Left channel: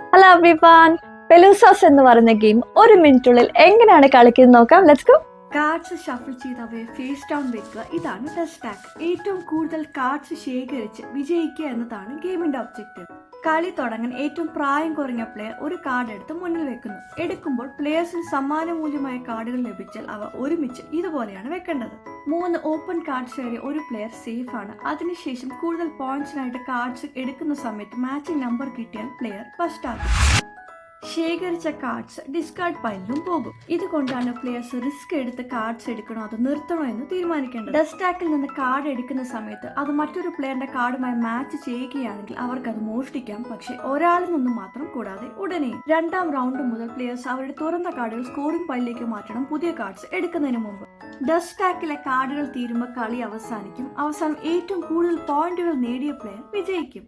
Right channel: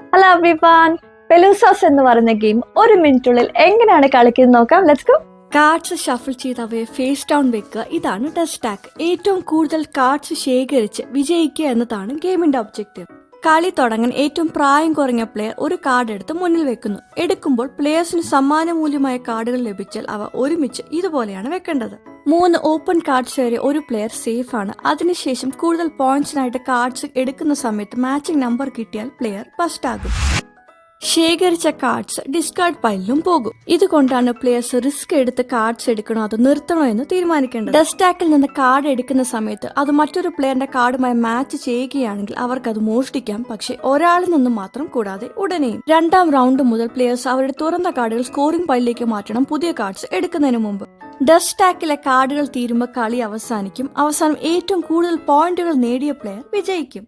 Hello everyone, പെലൂസാസ് എന്ന് പറയുന്ന game ഒരു മിനിറ്റുള്ളിൽ എങ്ങനെയാണ് കളിക്കുന്നത് നോക്കാം. Let's go. കാർഡ്സ് ഷഫിൾ ചെയ്ത് അവയെ ഫേസ് ഡൗൺ വെക്കുക. ഇതാണ് ഡസ്റ്റ് ടാക്ക്. ഏറ്റവും കൂടുതൽ കാർഡ്സ് ശേഖരിച്ച് വിജയിക്കുക എന്നതാണ് ഗെയിമിന്റെ ഒബ്ജക്റ്റീവ്. കളി തുടങ്ങാൻ ഏറ്റവും പ്രായം കുറഞ്ഞ പ്ലെയർ ഒരു കാർഡ് എടുത്ത് മുന്നിൽ വെക്കുന്നു. എടുക്കുമ്പോൾ പ്ലെയേഴ്സിന് സമ്മാന മൂല്യമായ കാർഡുകൾ ലഭിച്ചാൽ അവ ഒരുമിച്ച് ഇതുപോലെയാണ് വെക്കേണ്ടത്. 3 ഓപ്പൺ കാർഡ്സ് വരെ ഒരു പ്ലെയർ സേഫ് ആണ്. അതിനുശേഷം കൂടുതൽ പോയിന്റ്സിനായിട്ട് കാർഡ്സ് എടുക്കുന്ന സമയത്ത് മാച്ചിങ് നമ്പർ കിട്ടിയാൽ പ്ലെയർ ഫസ്റ്റ് ആകും. ശേഖരിച്ച കാർഡ്സ് ഡിസ്കാർഡ് പൈലിലും പോകും. ഇതുകൊണ്ടാണ് പ്ലെയേഴ്സ് റിസ്ക് എടുത്ത് കാർഡ്സ് എടുക്കണോ അതോ നിർത്തണോ എന്ന് തീരുമാനിക്കേണ്ടത്. ഡസ്റ്റാക്കിൽ നിന്ന് കാർഡ് എടുക്കുന്ന സമയത്ത് അത് മറ്റൊരു പ്ലെയറിന്റെ കാർഡുമായി മാച്ച് ചെയ്യുകയാണെങ്കിൽ അവർക്ക് അത് മോഷ്ടിക്കാം, പക്ഷെ ഒരാളിൽ നിന്നും മാത്രം കൂടാതെ ഉടനെയും. 2ാം റൗണ്ട് മുതൽ പ്ലെയേഴ്സ് അവരുടെ തുറന്ന കാർഡുകൾ സ്കോറിംഗ് പൈലിലേക്ക് മാറ്റണം പുതിയ കാർഡ്സ് എടുക്കുന്നതിന് മുമ്പ്. ഡസ്റ്റാക്കിലെ കാർഡുകൾ തീരുമ്പോൾ കളി അവസാനിക്കും. അവസാനം ഏറ്റവും കൂടുതൽ പോയിന്റുകൾ നേടിയ പ്ലെയർ വിജയിക്കും.